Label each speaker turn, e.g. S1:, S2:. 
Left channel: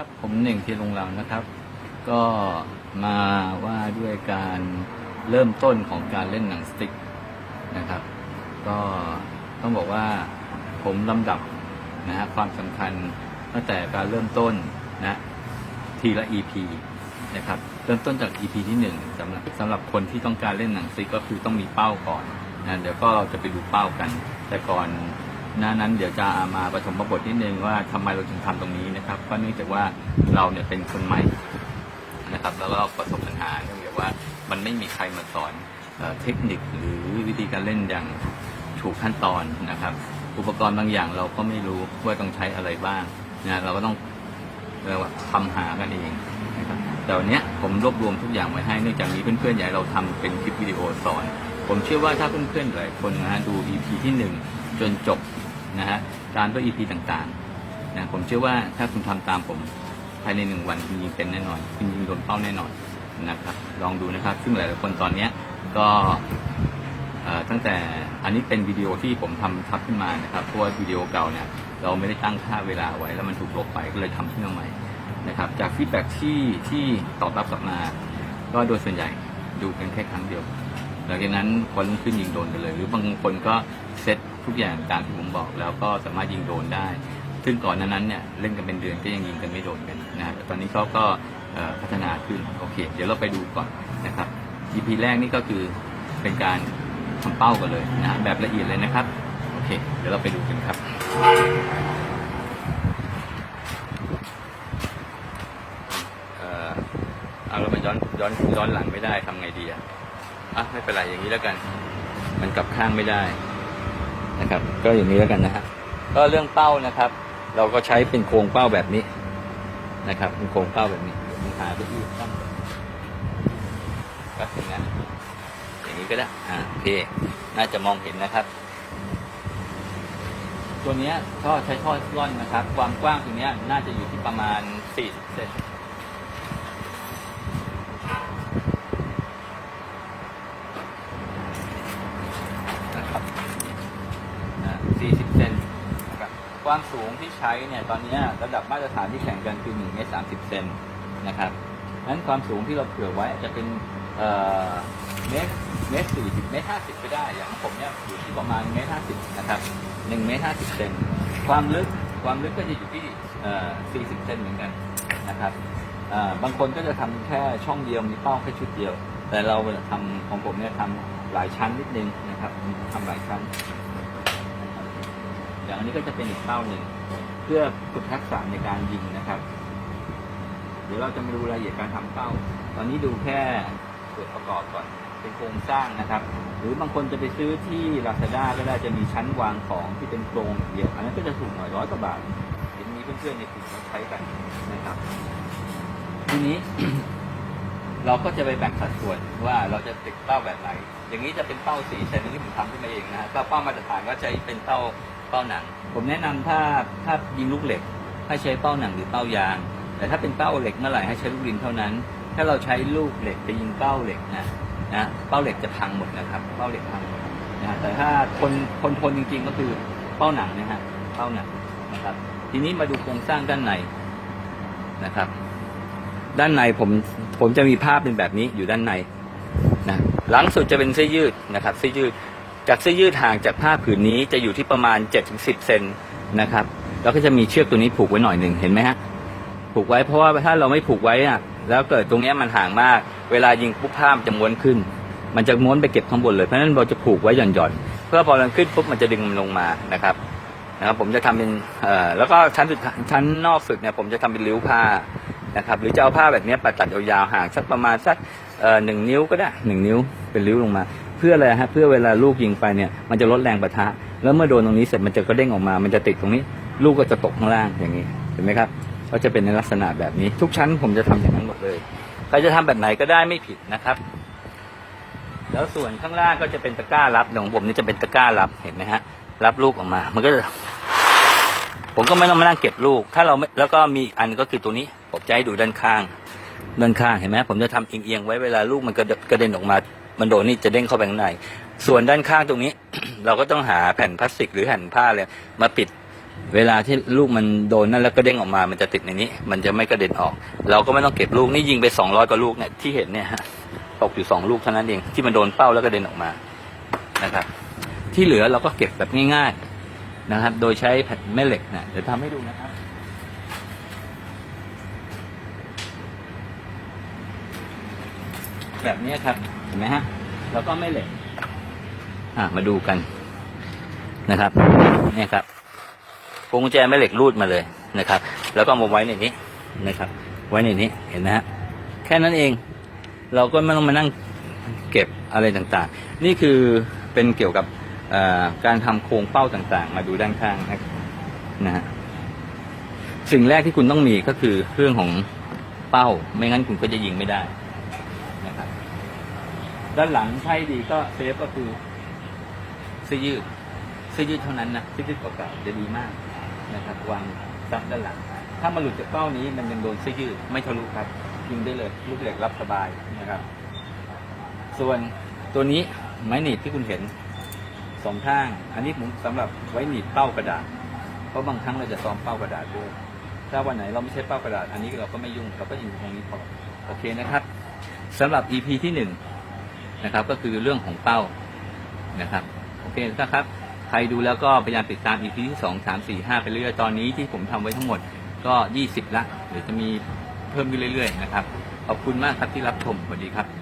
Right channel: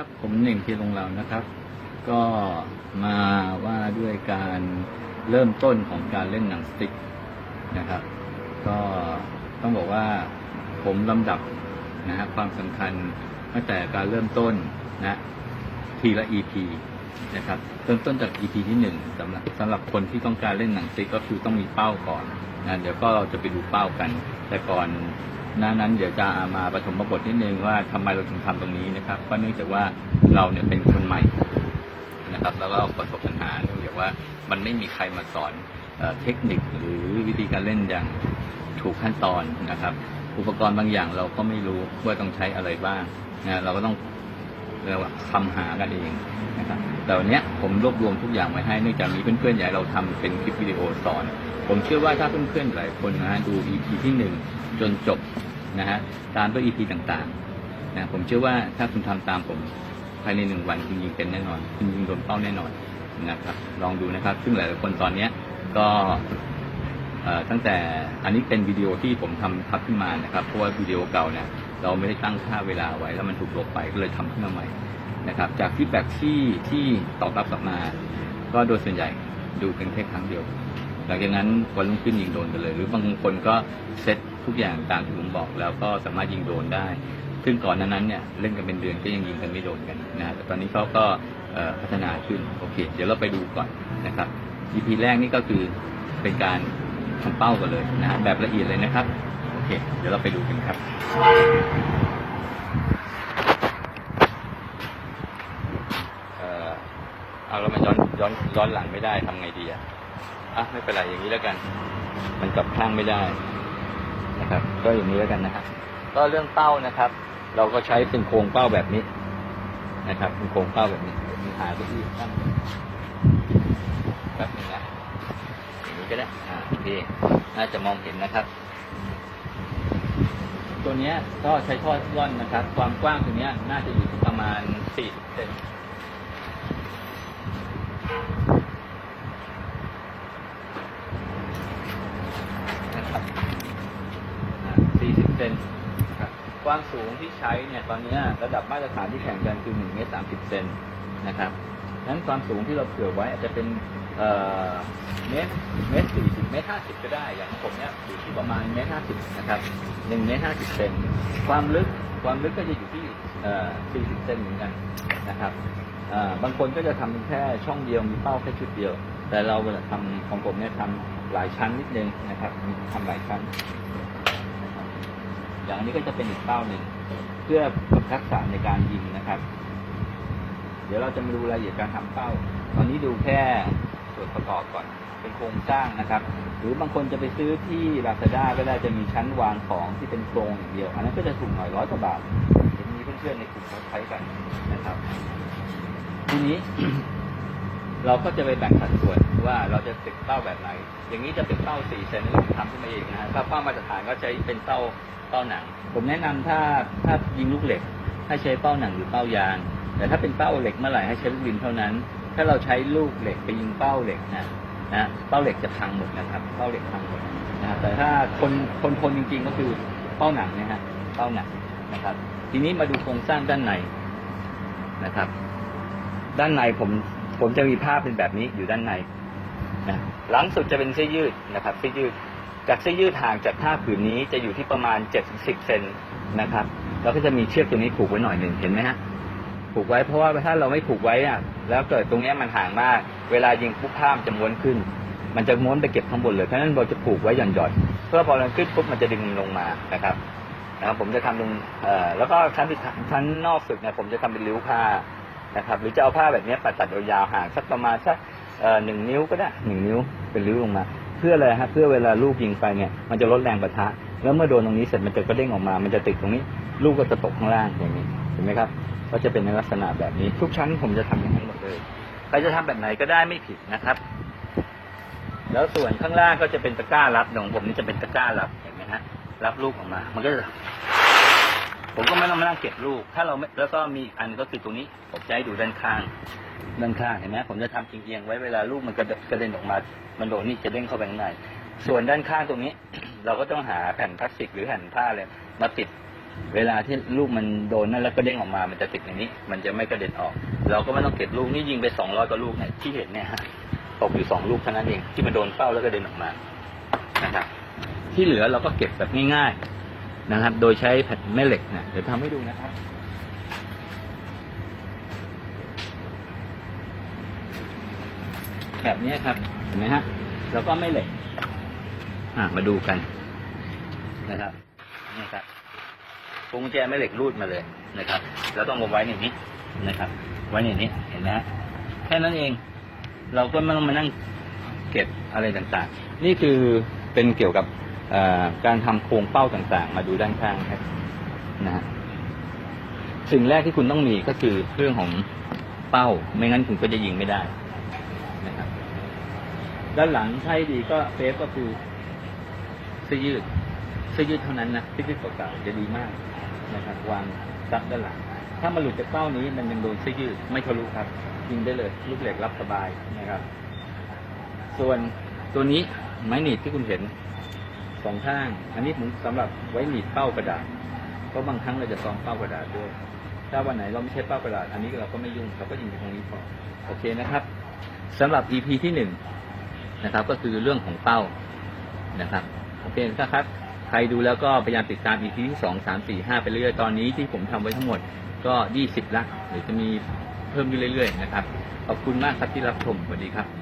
S1: ครับผมหนึ่งทีลงเหล่านะครับ ก็มาว่าด้วยการเริ่มต้นของการเล่นหนังสติ๊กนะครับ ก็ต้องบอกว่าผมลำดับนะฮะความสำคัญตั้งแต่การเริ่มต้นนะทีละ EP นะครับเริ่มต้นจาก EP ที่หนึ่งสำหรับสำหรับคนที่ต้องการเล่นหนังสติ๊กก็คือต้องมีเป้าก่อนนะเดี๋ยวก็เราจะไปดูเป้ากัน แต่ก่อน น้านั้นเดี๋ยวจะมาปฐมบทนิดนึงว่าทำไมเราถึงทำตรงนี้นะครับก็เนื่องจากว่าเราเนี่ยเป็นคนใหม่นะครับ แล้วก็ประสบปัญหาเนื่องจากว่ามันไม่มีใครมาสอนเอเทคนิคหรือวิธีการเล่นอย่างถูกขั้นตอนนะครับ อุปกรณ์บางอย่างเราก็ไม่รู้ว่าต้องใช้อะไรบ้างนะเราก็ต้องเราคำหากันเองนะครับแต่วันนี้ผมรวบรวมทุกอย่างไว้ให้เนื่องจากมีเพื่อนๆอยากให้เราทำเป็นคลิปวิดีโอสอน ผมเชื่อว่าถ้าเพื่อนๆหลายคนนะดู EP ที่หนึ่งจนจบ นะฮะตามด้วย EP ต่างๆนะผมเชื่อว่าถ้าคุณทำตามผมภายในหนึ่งวันคุณยิงเป็นแน่นอนคุณยิงโดนเป้าแน่นอนนะครับ ลองดูนะครับ ซึ่งหลายๆคนตอนเนี้ยก็ตั้งแต่อันนี้เป็นวิดีโอที่ผมทำทับขึ้นมานะครับเพราะว่าวิดีโอเก่าเนี่ยเราไม่ได้ตั้งค่าเวลาไว้แล้วมันถูกลบไปก็เลยทำขึ้นมาใหม่นะครับจากฟีดแบ็ที่ที่ตอบรับกลับมา ก็โดยส่วนใหญ่ดูเป็นแค่ครั้งเดียวหลังจากนั้นวันรุ่งขึ้นยิงโดนกันเลย หรือบางคนก็เซต ทุกอย่างตามที่ผมบอกแล้วก็สามารถยิงโดนได้ ซึ่งก่อนหนานั้นเนี่ยเล่นกันเป็นเดือนก็ยังยิงกันไม่โดนกันนะแต่ตอนนี้เขาก็เอ่อพัฒนาขึ้นโอเค เดี๋ยวเราไปดูก่อนนะครับ EP แรกนี่ก็คือเป็นการทำเป้ากันเลยนะแบบละเอียดเลยนะครับโอเค เดี๋ยวเราไปดูกันครับเอ่อเอาแล้วมันย้อนย้อนย้อนหลังไม่ได้ทำไงดีอะอะไม่เป็นไรอย่างนี้แล้วกัน มันกลับข้างไม่ได้ นะครับ ก็อย่างนี้แล้วกันนะฮะก็เรื่องเป้านะครับ เราก็ใช้เป็นโครงเป้าแบบนี้นะครับ เป็นโครงเป้าแบบนี้เดี๋ยวผมหาไปที่ตั้งแบบนี้นะอย่างนี้ก็ได้อ่าโอเคน่าจะมองเห็นนะครับ ตัวนี้ก็ใช้ท่อร่อนนะครับ ความกว้างตัวนี้น่าจะอยู่ที่ประมาณ40เซน 40 เซน ความสูงที่ใช้เนี่ยตอนนี้ระดับมาตรฐานที่แข่งกันคือ1เมตร30เซนนะครับนั้นความสูงที่เราเผื่อไว้อาจจะเป็นเอ่อเมตรเมตร40เมตร50ก็ได้อย่างผมเนี่ยอยู่ที่ประมาณเมตร50นะครับ1เมตร50เซนความลึกความลึกก็จะอยู่ที่เอ่อ40เซนเหมือนกันนะครับบางคนก็จะทำแค่ช่องเดียวมีเป้าแค่ชุดเดียว แต่เราเนี่ยทำของผมเนี่ยทำหลายชั้นนิดนึงนะครับทำหลายชั้น อย่างอันนี้ก็จะเป็นอีกเป้าหนึ่งเพื่อฝึกทักษะในการยิงนะครับ เดี๋ยวเราจะมาดูรายละเอียดการทำเป้า ตอนนี้ดูแค่ส่วนประกอบก่อนเป็นโครงสร้างนะครับ หรือบางคนจะไปซื้อที่ Lazada ก็ได้จะมีชั้นวางของที่เป็นโครงอย่างเดียว อันนั้นก็จะถูกหน่อยร้อยกว่าบาทเห็นมีเพื่อนๆในกลุ่มเขาใช้กันนะครับ ทีนี้เราก็จะไปแบ่งสัดส่วนว่าเราจะติดเป้าแบบไหน อย่างนี้จะเป็นเป้าสี่เซนที่ทำขึ้นมาเองนะถ้าเป้ามาตรฐานก็ใช้เป็นเป้า เป้าหนัง ผมแนะนำถ้าถ้ายิงลูกเหล็กถ้ใช้เป้าหนังหรือเป้ายาง แต่ถ้าเป็นเป้าเหล็กเมื่อไหร่ให้ใช้ลูกดินเท่านั้น ถ้าเราใช้ลูกเหล็กไปยิงเป้าเหล็กนะนะเป้าเหล็กจะพังหมดนะครับ เป้าเหล็กพังหมดนะแต่ถ้าคนคนทนจริงๆก็คือเป้าหนังนะฮะเป้าหนังนะครับ ทีนี้มาดูโครงสร้างด้านในนะครับ ด้านในผมผมจะมีภาพเป็นแบบนี้อยู่ด้านในนะหลังสุดจะเป็นเสื้อยืดนะครับเสื้อยืด จากเสื้อยืดห่างจากผ้าผืนนี้จะอยู่ที่ประมาณ 7-10 เซนนะครับ แล้วก็จะมีเชือกตัวนี้ผูกไว้หน่อยหนึ่งเห็นไหมฮะผูกไว้เพราะว่าถ้าเราไม่ผูกไว้อะแล้วเกิดตรงนี้มันห่างมาก เวลายิงปุ๊บผ้ามันจะม้วนขึ้น มันจะม้วนไปเก็บข้างบนเลยเพราะฉะนั้นเราจะผูกไว้หย่อนๆเพื่อพอมันขึ้นปุ๊บมันจะดึงมันลงมานะครับนะครับผมจะทำเป็นเอ่อแล้วก็ชั้นสุดชั้นนอกสุดเนี่ยผมจะทำเป็นริ้วผ้านะครับหรือจะเอาผ้าแบบนี้ปัดตัดยาวๆห่างสักประมาณสักเอ่อหนึ่งนิ้วก็ได้หนึ่งนิ้วเป็นริ้วลงมา เพื่ออะไรฮะเพื่อเวลาลูกยิงไปเนี่ยมันจะลดแรงประทะแล้วเมื่อโดนตรงนี้เสร็จมันจะกระเด้งออกมา มันจะติดตรงนี้ ลูกก็จะตกข้างล่างอย่างนี้เห็นไหมครับก็จะเป็นในลักษณะแบบนี้ ทุกชั้นผมจะทำอย่างนี้หมดเลยใครจะทำแบบไหนก็ได้ไม่ผิดนะครับ แล้วส่วนข้างล่างก็จะเป็นตะกร้ารับอย่างของผมนี่จะเป็นตะกร้ารับเห็นไหมฮะรับลูกออกมา มันก็จะผมก็ไม่ต้องมานั่งเก็บลูก ถ้าเราแล้วก็มีอันก็คือตัวนี้ผมจะให้ดูด้านข้างด้านข้างเห็นไหมผมจะทำเอียงๆไว้เวลาลูกมันกระเด็นออกมา มันโดนนี่จะเด้งเข้าไปข้างใน ส่วนด้านข้างตรงนี้ เราก็ต้องหาแผ่นพลาสติกหรือแผ่นผ้าเลยมาปิด เวลาที่ลูกมันโดนนั่นแล้วก็เด้งออกมา มันจะติดในนี้ มันจะไม่กระเด็นออก เราก็ไม่ต้องเก็บลูกนี่ยิงไปสองร้อยกว่าลูกเนี่ยที่เห็นเนี่ยตกอยู่สองลูกเท่านั้นเองที่มันโดนเป้าแล้วกระเด็นออกมานะครับ ที่เหลือเราก็เก็บแบบง่ายๆนะครับ โดยใช้แม่เหล็กนะเดี๋ยวทำให้ดูนะครับ แบบนี้ครับ เห็นไหมฮะ แล้วก็ไม่เหล็กอะมาดูกันนะครับนี่ครับพวงกุญแจแม่เหล็กรูดมาเลยนะครับ แล้วก็มาไว้ในนี้นะครับ ไว้ในนี้เห็นไหมฮะแค่นั้นเอง เราก็ไม่ต้องมานั่งเก็บอะไรต่างๆ นี่คือเป็นเกี่ยวกับการทำโครงเป้าต่างๆ มาดูด้านข้างครับนะฮะสิ่งแรกที่คุณต้องมีก็คือเรื่องของเป้า ไม่งั้นคุณก็จะยิงไม่ได้ ด้านหลังใช่ดีก็เซฟก็คือเสื้อยืดเสื้อยืดเท่านั้นนะเสื้อยืดเก่าๆจะดีมากนะครับวางซับด้านหลัง ถ้ามันหลุดจากเป้านี้มันยังโดนเสื้อยืดไม่ทะลุครับ ยิงได้เลยลูกเหล็กรับสบายนะครับ ส่วนตัวนี้ไม้หนีบที่คุณเห็นสองข้าง อันนี้ผมสำหรับไว้หนีบเป้ากระดาษเพราะบางครั้งเราจะซ้อมเป้ากระดาษด้วยถ้าวันไหนเราไม่ใช่เป้ากระดาษอันนี้เราก็ไม่ยุ่งเราก็ยิงตรงนี้พอโอเคนะครับสำหรับ EP ที่หนึ่ง นะครับ ก็คือเรื่องของเป้านะครับโอเคนะครับ ใครดูแล้วก็พยายามติดตาม EP ที่สองสามสี่ห้าไปเรื่อยๆตอนนี้ที่ผมทำไว้ทั้งหมดก็ยี่สิบละเดี๋ยวจะมีเพิ่มขึ้นเรื่อยๆนะครับขอบคุณมากครับที่รับชมสวัสดีครับ